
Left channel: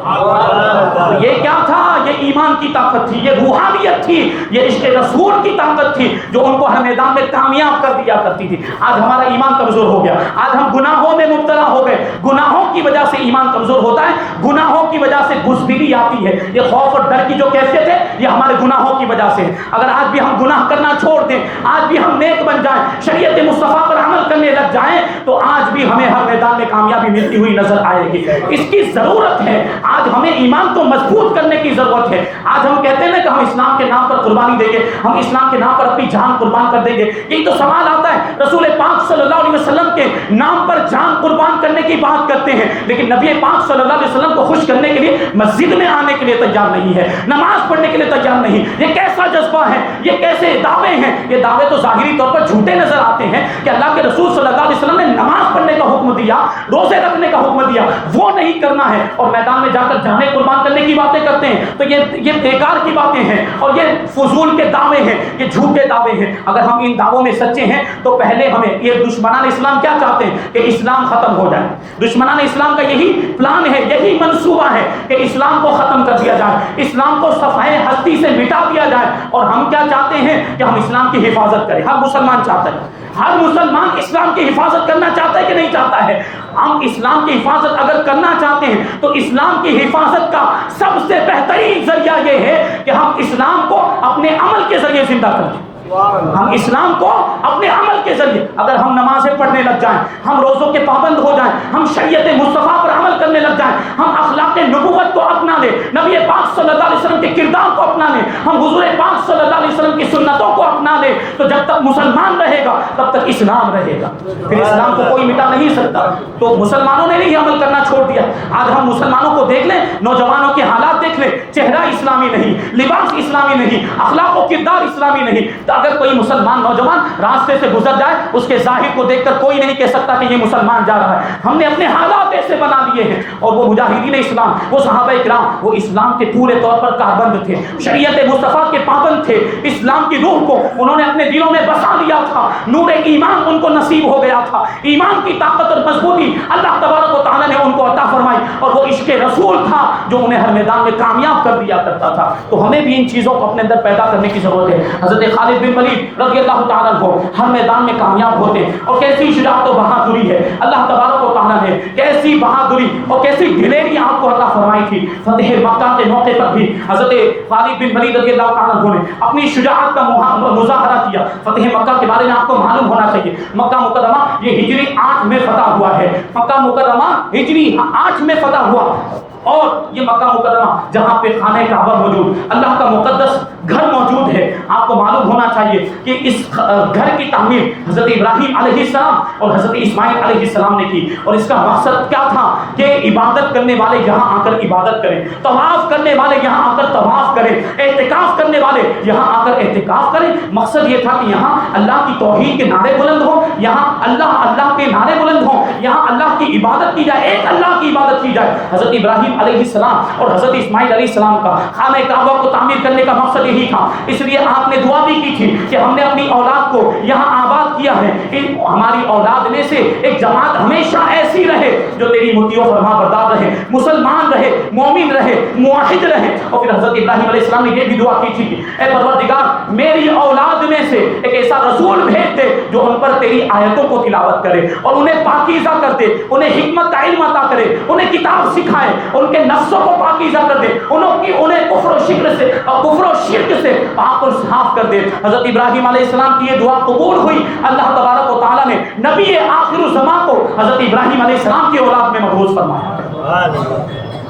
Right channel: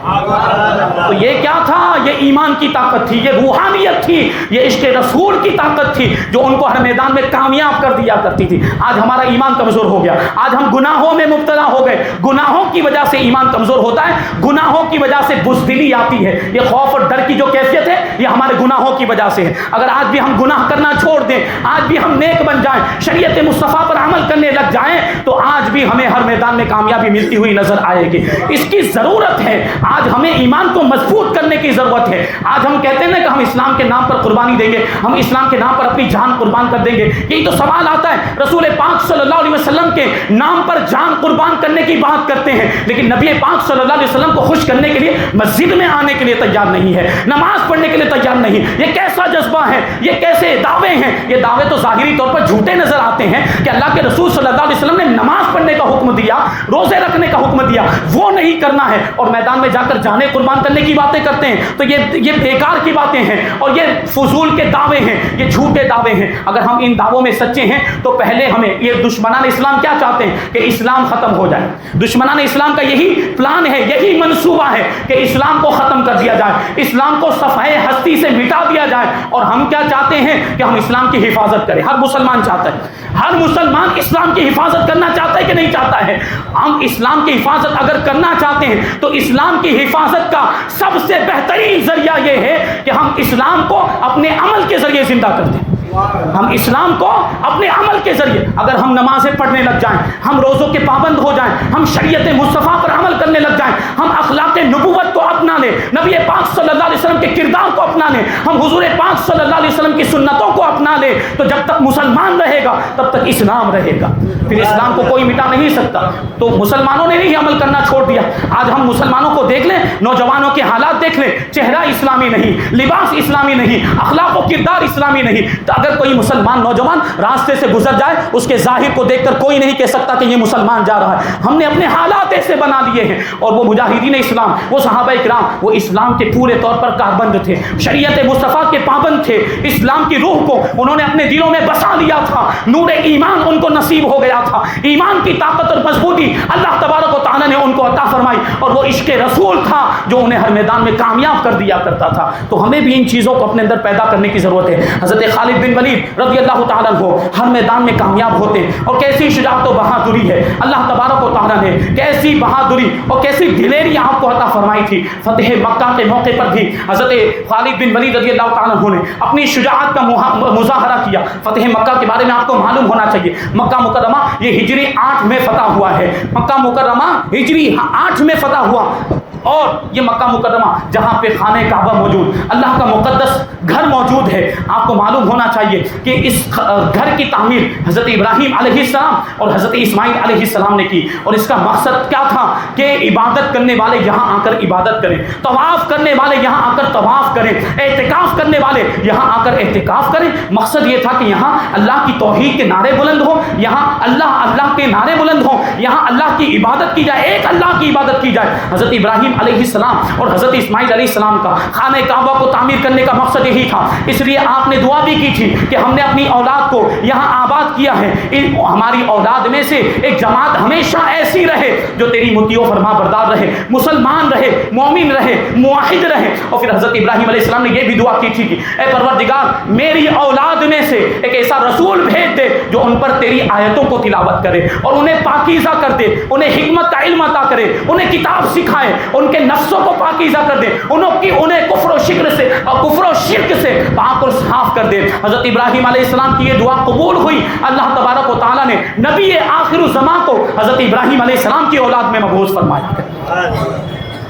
تو یہ کیا تھا؟ یہ ایمان کی طاقت تھی، یہ روحانیت تھی، یہ عشق رسول کی طاقت تھی جو ان کو ہر میدان میں کامیاب کر دیا کرتی تھی۔ آج ہمارا ایمان کمزور ہو گیا، آج ہم گناہوں میں مبتلا ہو گئے، گناہوں کی وجہ سے ایمان کمزور ہوتا ہے، گناہوں کی وجہ سے بزدلی آتی ہے، یہ خوف اور ڈر کی جو کیفیت ہے یہ ہمارے گناہوں کی وجہ سے ہے۔ اگر آج بھی ہم گناہ کرنا چھوڑ دیں، آج بھی ہم نیک بن جائیں، شریعت مصطفیٰ پر عمل عمل کرنے لگ جائیں تو آج بھی ہمیں ہر میدان میں کامیابی ملتی ہوئی نظر آئے گی. اس کی ضرورت ہے. آج ہمیں ایمان کو مضبوط کرنے کی ضرورت ہے. آج ہم کہتے ہیں کہ ہم اسلام کے نام پر قربانی دیں گے, ہم اسلام کے نام پر اپنی جان قربان کر دیں گے. یہی تو سوال آتا ہے. رسول پاک صلی اللہ علیہ وسلم کے نام پر جان قربان کرنے کی بات کرتے ہیں, لیکن نبی پاک صلی اللہ علیہ وسلم کو خوش کرنے کے لیے مسجد میں آنے کے لیے تیار نہیں ہے, نماز پڑھنے کے لیے تیار نہیں. یہ کیسا جذبہ ہے, یہ کیسے دعوے ہیں؟ یہ دعوے تو ظاہری طور پر جھوٹے نظر آتے ہیں کہ اللہ کے رسول صلی اللہ علیہ وسلم نے نماز پڑھنے کا حکم دیا, روزے رکھنے کا حکم دیا, وہ نہیں کرنا ہے, اور میدان میں جا کر جانے قربان کرنے کی باتیں کرتے ہیں. تو یہ بیکار کی باتیں ہیں اور یہ فضول کے دعوے ہیں, یہ جھوٹے دعوے ہیں. اگر ہم ان دعووں میں سچے ہیں تو پہلے ہمیں, یہ دشمنان اسلام کیا چاہتے ہیں کہ اسلام ختم ہو جائے. دشمنان اسلام کا یہی پلان ہے, یہی منصوبہ ہے کہ اسلام کو ختم کر دیا جائے, اسلام کو صفحہ ہستی سے مٹا دیا جائے. اور ہم کیا چاہتے ہیں کہ ہم اسلام کی حفاظت کریں. ہر مسلمان چاہتا ہے, ہر مسلمان اسلام کی حفاظت کرنا چاہتا ہے کہ نہیں چاہتا ہے؟ ہم اسلام کی حفاظت اگر کرنا چاہتے ہیں تو اسلام کی حفاظت کا سب سے بہترین ذریعہ یہ ہے کہ ہم اسلام کو اپنے عمل کے ذریعے زندہ کر دیں. ہم اسلام کو اپنے عمل کے ذریعے, اگر ہم نمازیں پڑھنے لگ جائیں, ہم روزوں کے پابند ہو جائیں, ہم شریعت مصطفیٰ پر عمل کرنے لگ جائیں, ہم اخلاق نبوت کو اپنا لیں, نبی پاک صلی اللہ علیہ وسلم کے کردار کو اپنا لیں, ہم حضور پاک صلی اللہ علیہ وسلم کی سنتوں کو اپنا لیں, تو جب تک مسلمان رہے گا تب تک اسلام رہے گا. پھر اسلام کو کوئی مٹا نہیں سکتا. تو مسلمانوں نے نہیں عمل کرنا چھوڑ دیا. آج ہم مسلمانوں کو دیکھ لیں, نوجوانوں کے حالات دیکھ لیں, چہرہ اسلامی نہیں, لباس اسلامی نہیں, اخلاق و کردار اسلامی نہیں. تو اگر کوئی مسلمان نوجوان راستے سے گزر جائے, اس کے ظاہر کو دیکھ کر کوئی نہیں کہہ سکتا کہ یہ مسلمان جا رہا ہے. ہم نے اپنے حالات ایسے بنا لیے ہیں. اور وہ مجاہدین اسلام, وہ صحابہ کرام, وہ اسلام کے پورے طور پر کاربند تھے, شریعت مصطفیٰ کے پابند تھے, اسلام کی روح کو انہوں نے اپنے دلوں میں بسا لیا تھا, نور ایمان ان کو نصیب ہو گیا تھا, ایمان کی طاقت اور مضبوطی اللہ تبارک و تعالی نے ان کو عطا فرمائی, اور وہ عشق رسول تھا جو انہیں ہر میدان میں کامیاب کر دیا کرتا تھا. تو ہمیں بھی ان چیزوں کو اپنے اندر پیدا کرنے کی ضرورت ہے. حضرت خالد بن ولید رضی اللہ تعالیٰ عنہ ہر میدان میں کامیاب ہوتے ہیں, اور کیسی شجاعت و بہادری ہے, اللہ تبارک و تعالیٰ نے کیسی بہادری اور کیسی دلیری آپ کو عطا فرمائی تھی. فتح مکہ کے موقع پر بھی حضرت خالد بن ولید رضی اللہ تعالیٰ عنہ نے اپنی شجاعت کا مظاہرہ کیا. فتح مکہ کے بارے میں آپ کو معلوم ہونا چاہیے, مکہ مکرمہ یہ ہجری 8 میں فتح ہوا ہے. مکہ مکرمہ ہجری 8 میں فتح ہوا, اور یہ مکہ مکرمہ جہاں پہ خانہ کعبہ موجود, اللہ کا مقدس گھر موجود ہے. آپ کو معلوم ہونا چاہیے کہ اس گھر کی تعمیر حضرت ابراہیم علیہ السلام اور حضرت اسماعیل علیہ السلام نے کی, اور اس کا مقصد کیا تھا کہ عبادت کرنے والے یہاں آ کر عبادت کریں, طواف کرنے والے یہاں آ کر طواف کریں, اعتکاف کرنے والے یہاں آ کر اعتکاف کریں. مقصد یہ تھا کہ یہاں اللہ کی توحید کے نعرے بلند ہوں, یہاں اللہ کے نعرے بلند ہوں, یہاں اللہ کی عبادت کی جائے, ایک اللہ کی عبادت کی جائے. حضرت ابراہیم علیہ السلام اور حضرت اسماعیل علیہ السلام کا خانہ کعبہ کو تعمیر کرنے کا مقصد یہی تھا. اس لیے آپ نے دعا بھی کی تھی کہ ہم نے اپنی اولاد کو یہاں آباد کیا ہے, ہماری اولاد میں سے ایک جماعت ہمیشہ ایسی رہے جو تیری مطیع و فرما بردار رہے, مسلمان رہے, مومن رہے, موحد رہے. اور پھر حضرت ابراہیم علیہ السلام نے یہ بھی دعا کی تھی کہ اے پروردگار میری اولاد میں سے ایک ایسا رسول بھیج دے جو ان پر تیری آیتوں کو تلاوت کرے اور انہیں پاکیزہ کر دے, انہیں حکمت کا علم عطا کرے, انہیں کتاب سکھائے, ان کے نفسوں کو پاکیزہ کر دے, انہیں کفر و شرک سے پاک اور صاف کر دے. حضرت ابراہیم علیہ السلام کی یہ دعا قبول ہوئی. اللہ تبارک و تعالیٰ نے نبی آخر الزمان کو حضرت ابراہیم علیہ السلام کی اولاد میں مبعوث فرمایا.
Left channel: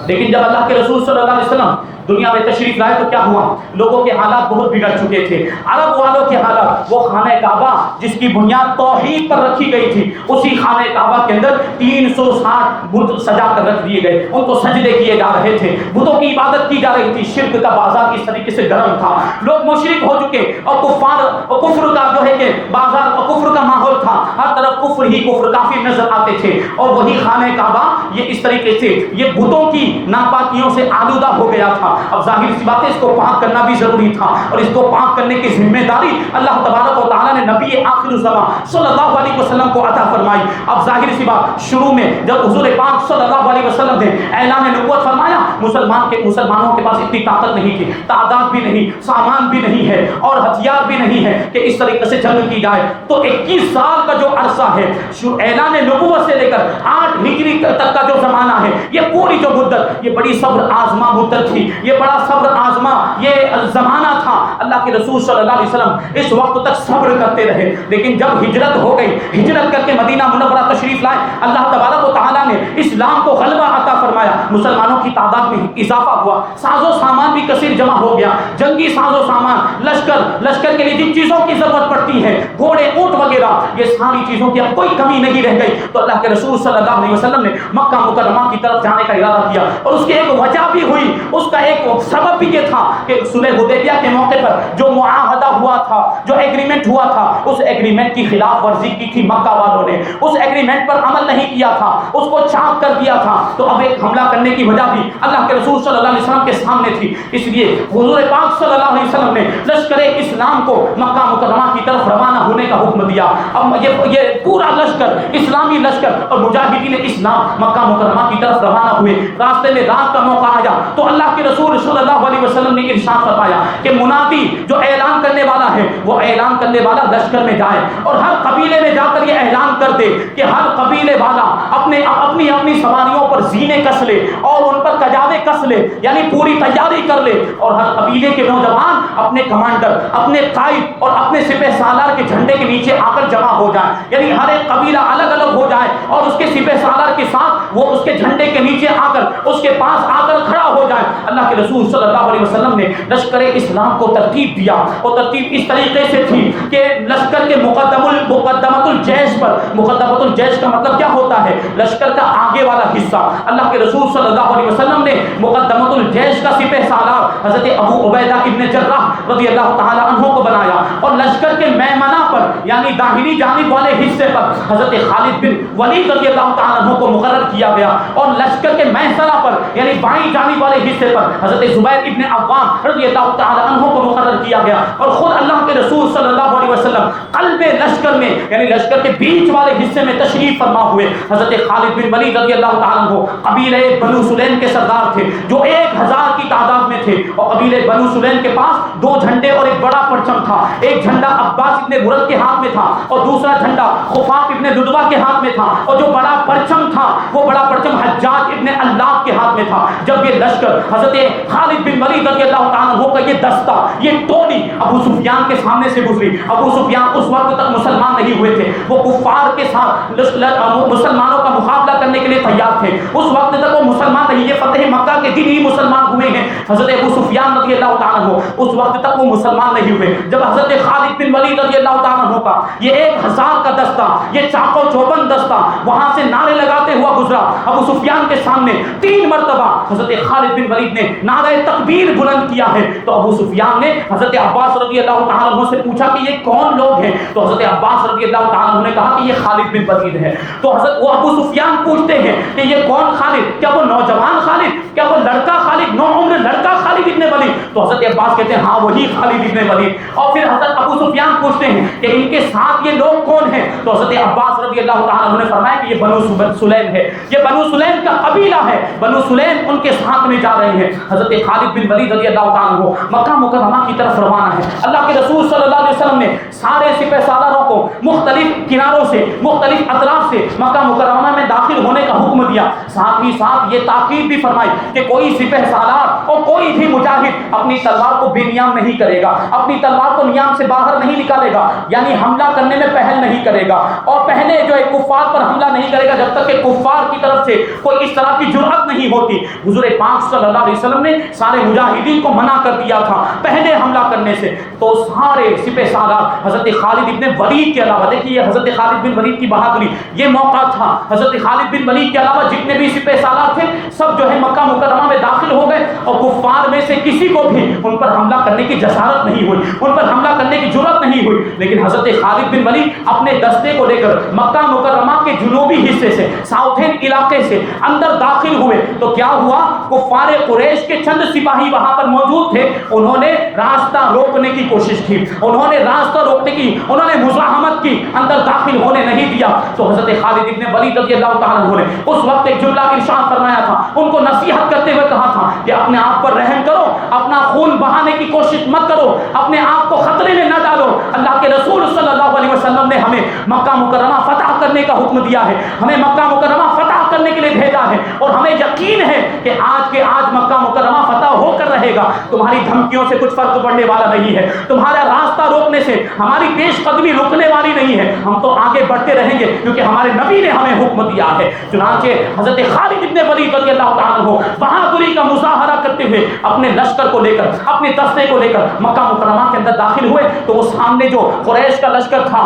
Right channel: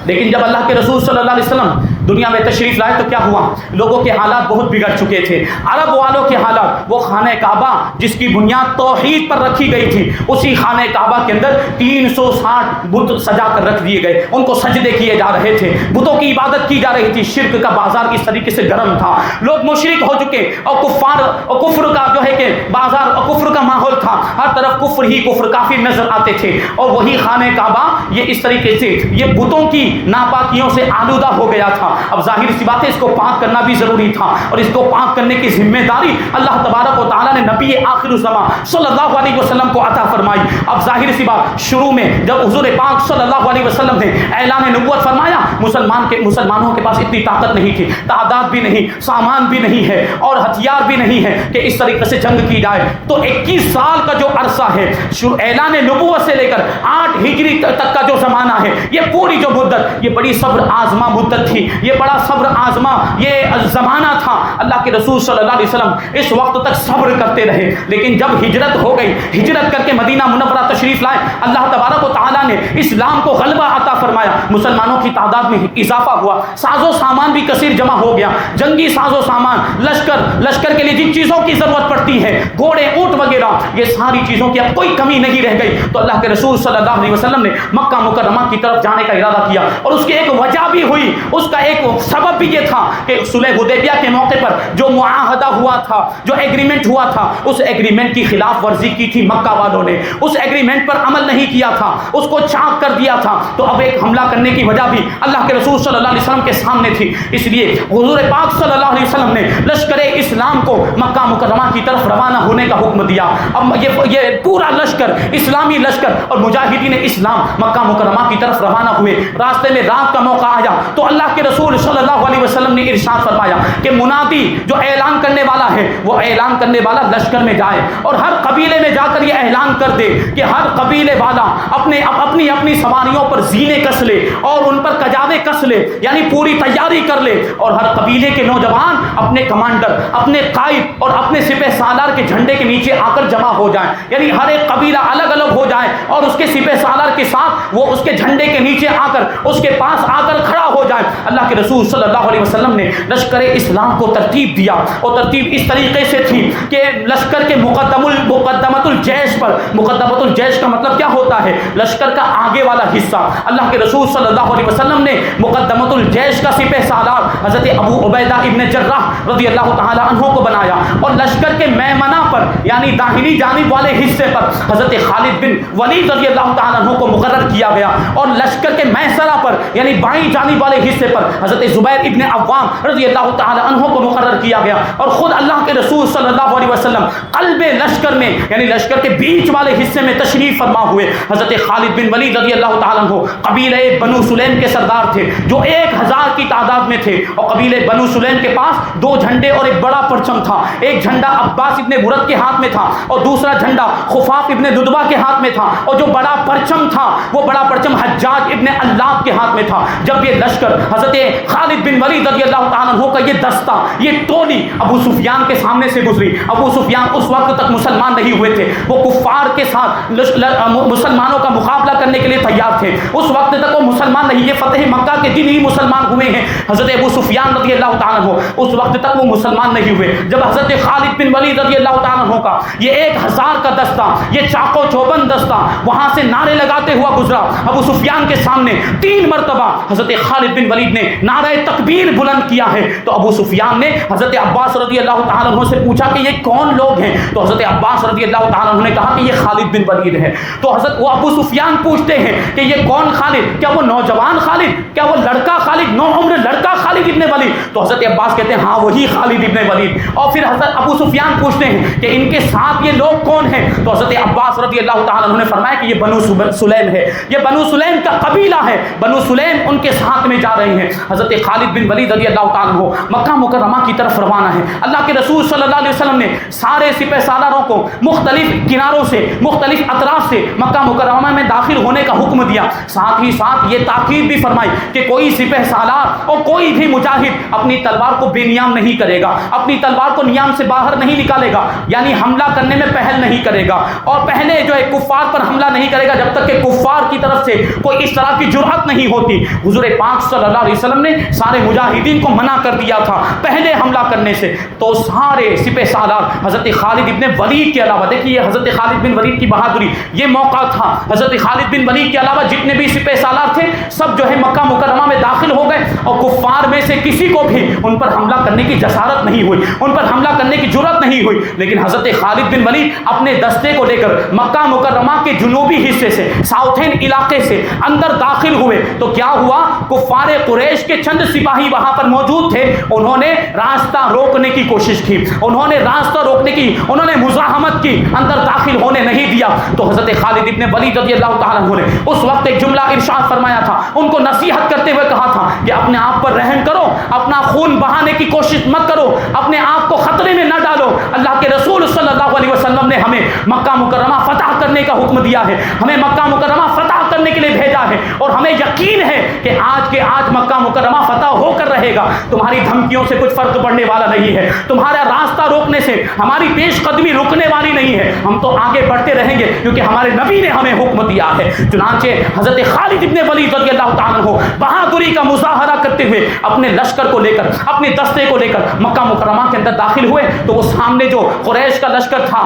لیکن جب اللہ کے رسول صلی اللہ علیہ وسلم دنیا میں تشریف لائے تو کیا ہوا, لوگوں کے حالات بہت بگڑ چکے تھے. عرب والوں کے حالات, وہ خانہ کعبہ جس کی بنیاد توحید پر رکھی گئی تھی, اسی خانہ کعبہ کے اندر 360 بت سجا کر رکھ دیے گئے, ان کو سجدے کیے جا رہے تھے, بتوں کی عبادت کی جا رہی تھی. شرک کا بازار اس طریقے سے گرم تھا, لوگ مشرک ہو چکے, اور کفار اور کفر کا جو ہے کہ بازار اور کفر کا ماحول تھا, ہر طرف کفر ہی کفر کافی نظر آتے تھے. اور وہی خانہ کعبہ یہ اس طریقے سے یہ بتوں کی ناپاکیوں سے آلودہ ہو گیا تھا. اب ظاہر سی بات ہے, اس کو پاک کرنا بھی ضروری تھا, اور اس کو پاک کرنے کی ذمہ داری اللہ تبارک و تعالیٰ نے نبی آخر الزمان صلی اللہ علیہ وسلم کو عطا فرمائی. اب ظاہر سی بات, شروع میں جب حضور پاک صلی اللہ علیہ وسلم نے اعلان نبوت فرمایا, مسلمانوں کے پاس اتنی طاقت نہیں تھی, تعداد بھی نہیں, سامان بھی نہیں ہے, اور ہتھیار بھی نہیں ہے کہ اس طریقے سے جنگ کی جائے. تو 21 سال کا جو عرصہ ہے اعلان نبوت سے لے کر 8 ہجری تک کا جو زمانہ ہے, یہ پوری جو مدت یہ بڑی صبر آزما مدت تھی، یہ بڑا صبر آزما یہ زمانہ تھا۔ اللہ کے رسول صلی اللہ علیہ وسلم اس وقت تک صبر کرتے رہے، لیکن جب ہجرت ہو گئی، ہجرت کر کے مدینہ منورہ تشریف لائے، اللہ تبارک و تعالیٰ نے اسلام کو غلبہ عطا فرمایا، مسلمانوں کی تعداد میں اضافہ ہوا، ساز و سامان بھی کثیر جمع ہو گیا، جنگی ساز و سامان، لشکر کے لیے جن چیزوں کی ضرورت پڑتی ہے، گھوڑے اونٹ وغیرہ، یہ ساری چیزوں کی اب کوئی کمی نہیں رہ گئی۔ تو اللہ کے رسول صلی اللہ علیہ وسلم نے مکہ مکرمہ کی طرف جانے کا ارادہ کیا، اور اس کی ایک وجہ بھی ہوئی، اس کا ایک سبب بھی یہ تھا کہ صلح حدیبیہ کے موقع پر جو معاہدہ ہوا تھا، جو ایگریمنٹ ہوا تھا، اس ایگریمنٹ کی خلاف ورزی کی تھی مکہ والوں نے، اس ایگریمنٹ پر عمل نہیں کیا تھا، اس کو چاک کر دیا تھا۔ تو اب ایک حملہ کرنے کی وجہ بھی اللہ کے رسول صلی اللہ علیہ وسلم کے سامنے تھی، اس لیے حضور پاک صلی اللہ علیہ وسلم نے لشکر اسلام کو مکہ مکرمہ کی طرف روانہ ہونے کا حکم دیا۔ اب یہ پورا لشکر، اسلامی لشکر اور مجاہدین اسلام مکہ مکرمہ کی طرف روانہ ہوئے۔ راستے میں رات کا موقع آیا تو اللہ کے رسول صلی اللہ علیہ وسلم نے ارشاد فرمایا کہ منادی جو اعلان کرنے والا ہے، وہ اعلان کرنے والا لشکر میں جائے اور ہر قبیلے میں جا کر یہ اعلان کر دے کہ ہر قبیلے والا اپنی سواریوں پر زینے کس لے اور ان پر کجاوے کس لے، یعنی پوری تیاری کر لے، اور ہر قبیلے کے نوجوان اپنے کمانڈر، اپنے قائد اور اپنے سپہ سالار کے جھنڈے کے نیچے آ کر جمع ہو جائیں، یعنی ہر ایک قبیلہ الگ الگ ہو جائے اور اس کے سپہ سالار کے ساتھ وہ اس کے جھنڈے کے نیچے آ کر اس کے پاس آ کر کھڑا ہو جائے۔ اللہ کے رسول صلی اللہ علیہ وسلم نے لشکر اسلام کو ترتیب دیا، اور ترتیب اس طریقے سے تھی کہ لشکر کے مقدمۃ الجیش پر، مقدمۃ الجیش کا مطلب کیا ہوتا ہے؟ لشکر کا آگے والا حصہ۔ اللہ کے رسول صلی اللہ علیہ وسلم نے مقدمۃ الجیش کا سپہ سالار حضرت ابو عبیدہ ابن جراح رضی اللہ تعالی عنہ کو بنایا، اور لشکر کے میمنہ پر یعنی داہنی جانب والے حصے پر حضرت خالد بن ولید رضی اللہ تعالی عنہ کو مقرر کیا گیا، اور لشکر کے میسرہ پر یعنی بائیں جانب والے حصے پر حضرت زبیر ابن عوام رضی اللہ تعالی عنہ کو مقرر کیا گیا۔ اور خود اللہ کے رسول صلی اللہ علیہ وسلم قلب لشکر میں یعنی لشکر کے بیچ والے حصے میں تشریف فرما ہوئے۔ حضرت خالد بن ولید رضی اللہ تعالی عنہ قبیلہ بنو سلیم کے سردار تھے جو 1000 کی تعداد میں تھے، اور قبیلہ بنو سلیم کے پاس 2 جھنڈے اور ایک بڑا پرچم تھا۔ ایک جھنڈا عباس ابن برد کے ہاتھ میں تھا اور دوسرا جھنڈا خفاف ابن ددبہ کے ہاتھ میں تھا، اور جو بڑا پرچم تھا وہ بڑا پرچم حجاج ابن اللہ کے ہاتھ میں تھا۔ جب یہ لشکر حضرت خالد بن ولید رضی اللہ تعالیٰ عنہ کا یہ دستہ، یہ ٹولی ابو سفیان کے سامنے سے گزری۔ ابو سفیان اس وقت تک مسلمان نہیں ہوئے تھے، وہ کفار کے ساتھ مسلمانوں کا مقابلہ کرنے کے لیے تیار تھے، اس وقت تک وہ مسلمان نہیں، یہ فتح مکہ کے دن ہی مسلمان ہوئے ہیں۔ حضرت ابو سفیان رضی اللہ تعالیٰ عنہ اس وقت تک وہ مسلمان نہیں ہوئے۔ جب حضرت خالد بن ولید رضی اللہ تعالیٰ عنہ کا یہ 1000 کا دستہ، یہ چاق و چوبند دستہ وہاں سے نعرے لگاتے ہوا گزرا ابو سفیان کے سامنے 3 مرتبہ حضرت خالد بن ولید نے نعرہ تکبیر بلند کیا ہے، تو ابو سفیان نے حضرت عباس رضی اللہ تعالیٰ عنہ سے پوچھا کہ یہ کون لوگ ہیں؟ تو حضرت عباس رضی اللہ تعالیٰ عنہ نے کہا کہ یہ خالد بن ولید ہے۔ تو حضرت وہ ابو سفیان پوچھتے ہیں کہ یہ کون خالد؟ کیا وہ نوجوان خالد؟ کیا وہ لڑکا خالد، نو عمر لڑکا خالد ابن ولید؟ تو حضرت عباس کہتے ہیں ہاں وہی خالد ابن ولید۔ اور پھر حضرت ابو سفیان پوچھتے ہیں کہ ان کے ساتھ یہ لوگ کون ہیں؟ تو حضرت عباس رضی اللہ تعالیٰ عنہ نے فرمایا کہ یہ بنو سلیم ہے، یہ بنو سلیم کا قبیلہ ہے، بنو سلیم ان کے ساتھ میں جا رہے ہیں۔ حضرت خالد بن ولید رضی اللہ تعالیٰ عنہ مکہ مکرمہ کی طرف روانہ ہے۔ اللہ کے رسول صلی اللہ علیہ وسلم نے سارے سپہ سالاروں کو مختلف کناروں سے، مختلف اطراف سے مکہ مکرمہ میں داخل ہونے کا حکم دیا، ساتھ ہی ساتھ یہ تاکید بھی فرمائی کہ کوئی سپہ سالار اور کوئی بھی مجاہد اپنی تلوار کو بے نیام نہیں کرے گا، اپنی تلوار کو نیام سے باہر نہیں نکالے گا، یعنی حملہ کرنے میں پہل نہیں کرے گا، اور پہلے جو ہے کفار پر حملہ نہیں کرے گا جب تک کہ کفار کی طرف سے کوئی اس طرح کی جرأت نہیں ہوتی۔ حضور پاک صلی اللہ علیہ وسلم نے سارے مجاہدین کو منع کر دیا تھا پہلے حملہ کرنے سے۔ تو سارے سپہ سالار حضرت خالد بن ولید کے علاوہ، دیکھیے حضرت خالد بن ولید کی بہادری، یہ موقع تھا، حضرت خالد بن ولید کے علاوہ جتنے بھی سپہ سالار تھے سب جو ہے مکہ مکرمہ میں داخل ہو گئے، اور کفار میں سے کسی کو بھی ان پر حملہ کرنے کی جسارت نہیں ہوئی، ان پر حملہ کرنے کی جرأت نہیں ہوئی۔ لیکن حضرت خالد بن ولید اپنے دستے کو لے کر مکہ مکرمہ کے جنوبی حصے سے، ساؤتھن علاقے سے اندر داخل ہوئے تو کیا ہوا، کفار قریش کے چند سپاہی وہاں پر موجود تھے، انہوں نے راستہ روکنے کی کوشش کی، انہوں نے راستہ روکنے کی، انہوں نے مزاحمت کی، اندر داخل ہونے نہیں دیا۔ تو حضرت خالد ابن ولید رضی اللہ تعالیٰ عنہ نے اس وقت ایک جملہ ارشاد فرمایا تھا، ان کو نصیحت کرتے ہوئے کہا تھا کہ اپنے آپ پر رحم کرو، اپنا خون بہانے کی کوشش مت کرو، اپنے آپ کو خطرے میں نہ ڈالو۔ اللہ کے رسول صلی اللہ علیہ وسلم نے ہمیں مکہ مکرمہ فتح کرنے کا حکم دیا ہے، ہمیں مکہ مکرمہ فتح کرنے کے لیے بھیجا ہے اور ہمیں یقین ہے کہ آج کے آج مکہ مکرمہ فتح ہو کر رہے گا. تمہاری دھمکیوں سے کچھ فرق پڑنے والا نہیں ہے, تمہارا راستہ روکنے سے ہماری پیش قدمی رکنے والی نہیں ہے. ہم تو آگے بڑھتے رہیں گے کیونکہ ہمارے نبی نے ہمیں حکم دیا ہے. چنانچہ حضرت خالد ابن ولید رضی اللہ تعالیٰ عنہ بہادری کا مظاہرہ کرتے ہوئے اپنے لشکر کو لے کر, اپنے دستے کو لے کر مکہ مکرمہ کے اندر داخل ہوئے تو وہ سامنے جو قریش کا لشکر تھا,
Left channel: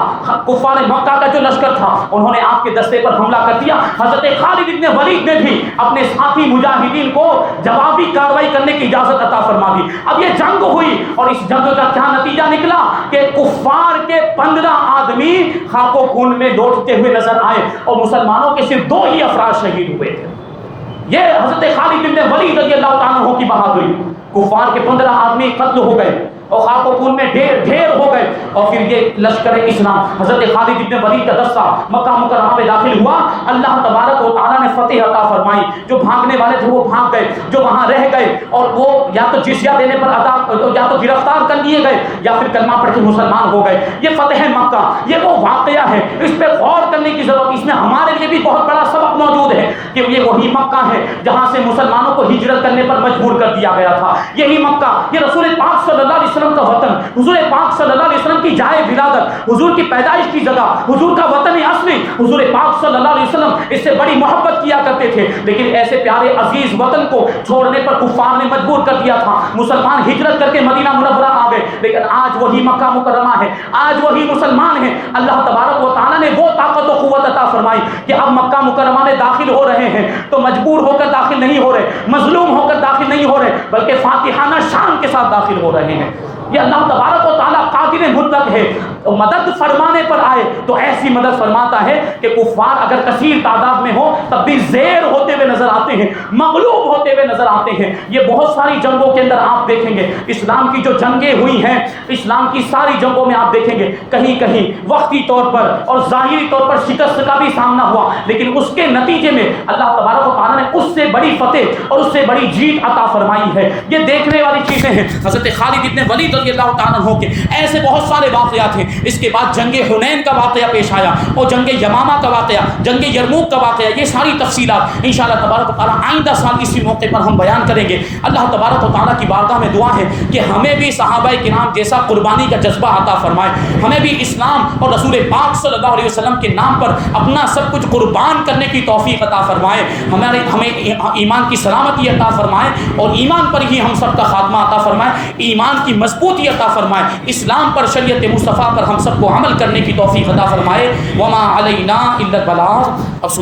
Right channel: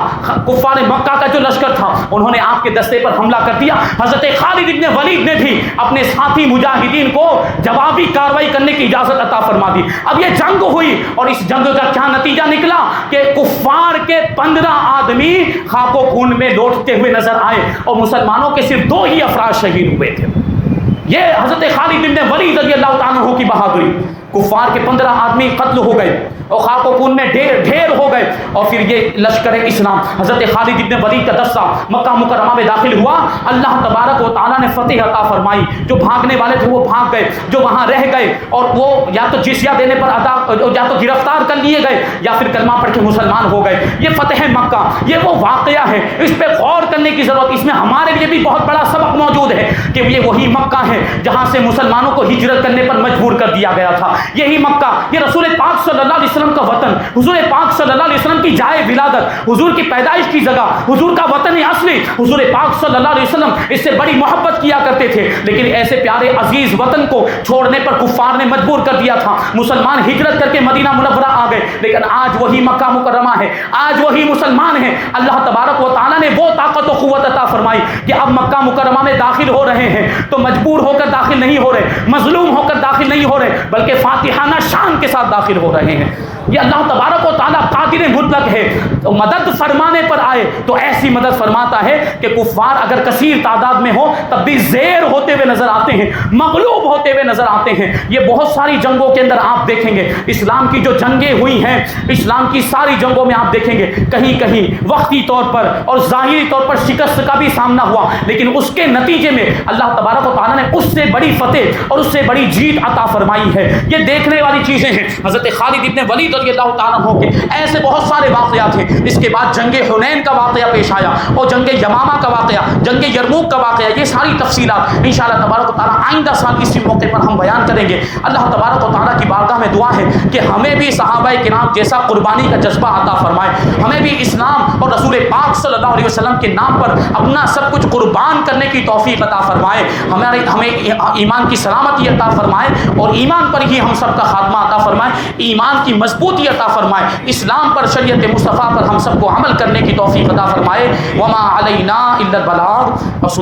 کفار مکہ کا جو لشکر تھا, انہوں نے آپ کے دستے پر حملہ کر دیا. حضرت خالد ابن ولید نے بھی اپنے ساتھی مجاہدین کو جوابی کارروائی کرنے کی اجازت عطا فرما دی. اب یہ جنگ ہوئی اور اس جنگ کا کیا نتیجہ نکلا کہ کفار کے 15 آدمی خاک و خون میں لوٹتے ہوئے نظر آئے اور مسلمانوں کے صرف 2 ہی افراد شہید ہوئے تھے. یہ حضرت خالد بن ولید رضی اللہ تعالیٰ عنہ کی بہادری. کفار کے 15 آدمی قتل ہو گئے اور خاک و خون میں ڈھیر ہو گئے اور پھر یہ لشکر اسلام حضرت خالد بن ولید کا دستہ مکہ مکرمہ میں داخل ہوا. اللہ تبارک و تعالیٰ نے فتح عطا فرمائی. جو بھاگنے والے تھے وہ بھاگ گئے, جو وہاں رہ گئے اور وہ یا تو جزیہ دینے پر یا تو گرفتار کر لیے گئے یا پھر کلمہ پڑھ کے مسلمان ہو گئے. یہ فتح مکہ, یہ وہ واقعہ ہے, اس پہ غور کرنے کی ضرورت. اس میں ہمارے لیے بھی بہت بڑا سبق موجود ہے کہ یہ وہی مکہ ہے جہاں سے مسلمانوں کو ہجرت کرنے پر مجبور کر دیا گیا تھا. یہی مکہ, یہ رسول پاک صلی اللہ علیہ وسلم کا وطن, حضور پاک صلی اللہ علیہ وسلم کی جائے ولادت, حضور کی پیدائش کی جگہ, حضور کا وطن اصلی. حضور پاک صلی اللہ علیہ وسلم اس سے بڑی محبت کیا کرتے تھے, لیکن ایسے پیارے عزیز وطن کو چھوڑنے پر کفار نے مجبور کر دیا تھا. مسلمان ہجرت کر کے مدینہ منورہ آ گئے, لیکن آج وہی مکہ مکرمہ ہے, آج وہی مسلمان ہیں. اللہ تبارک و تعالیٰ نے وہ طاقت و قوت عطا فرمائی کہ اب مکہ مکرمہ میں داخل ہو رہے ہیں تو مجبور ہو کر داخل نہیں ہو رہے, مظلوم ہو کر داخل نہیں ہو رہے, بلکہ فاتحانہ شان کے ساتھ داخل ہو رہے ہیں. یہ اللہ تبارک و تعالیٰ قادر مطلق ہے. تو مدد فرمانے پر آئے تو ایسی مدد فرماتا ہے کہ کفار اگر کثیر تعداد میں ہو تب بھی زیر ہوتے ہوئے نظر آتے ہیں, مغلوب ہوتے ہوئے نظر آتے ہیں. یہ بہت ساری جنگوں کے اندر آپ دیکھیں گے, اسلام کی جو جنگیں ہوئی ہیں, اسلام کی ساری جنگوں میں آپ دیکھیں گے کہیں کہیں وقتی طور پر اور ظاہری طور پر شکست کا بھی سامنا ہوا, لیکن اس کے نتیجے میں اللہ تبارک و تعالیٰ نے اس سے بڑی فتح اور اس سے بڑی جیت عطا فرمائی ہے. یہ دیکھنے والی چیزیں ہیں. حضرت خالد ابن ولید رضی اللہ تعالیٰ عنہ کے ایسے بہت سارے واقعات ہیں. اس کے بعد جنگ حنین کا واقعہ پیش آیا اور جنگ یمامہ کا واقعہ, جنگ یرموک کا واقعہ. یہ ساری تفصیلات انشاءاللہ تبارک و تعالیٰ آئندہ سال اسی موقع پر ہم بیان کریں گے. اللہ تبارک و تعالیٰ کی بارگاہ میں دعا ہے کہ ہمیں بھی صحابہ کرام جیسا قربانی کا جذبہ عطا فرمائے, ہمیں بھی اسلام اور رسول پاک صلی اللہ علیہ وسلم کے نام پر اپنا سب کچھ قربان کرنے کی توفیق عطا فرمائے, ہمیں ایمان کی سلامتی عطا فرمائے اور ایمان پر ہی ہم سب کا خاتمہ عطا فرمائے, ایمان کی مضبوطی عطا فرمائے, اسلام پر شریعت مصطفیٰ پر ہم سب کو عمل کرنے کی توفیق عطا فرمائے. وما علینا الا البلاغ.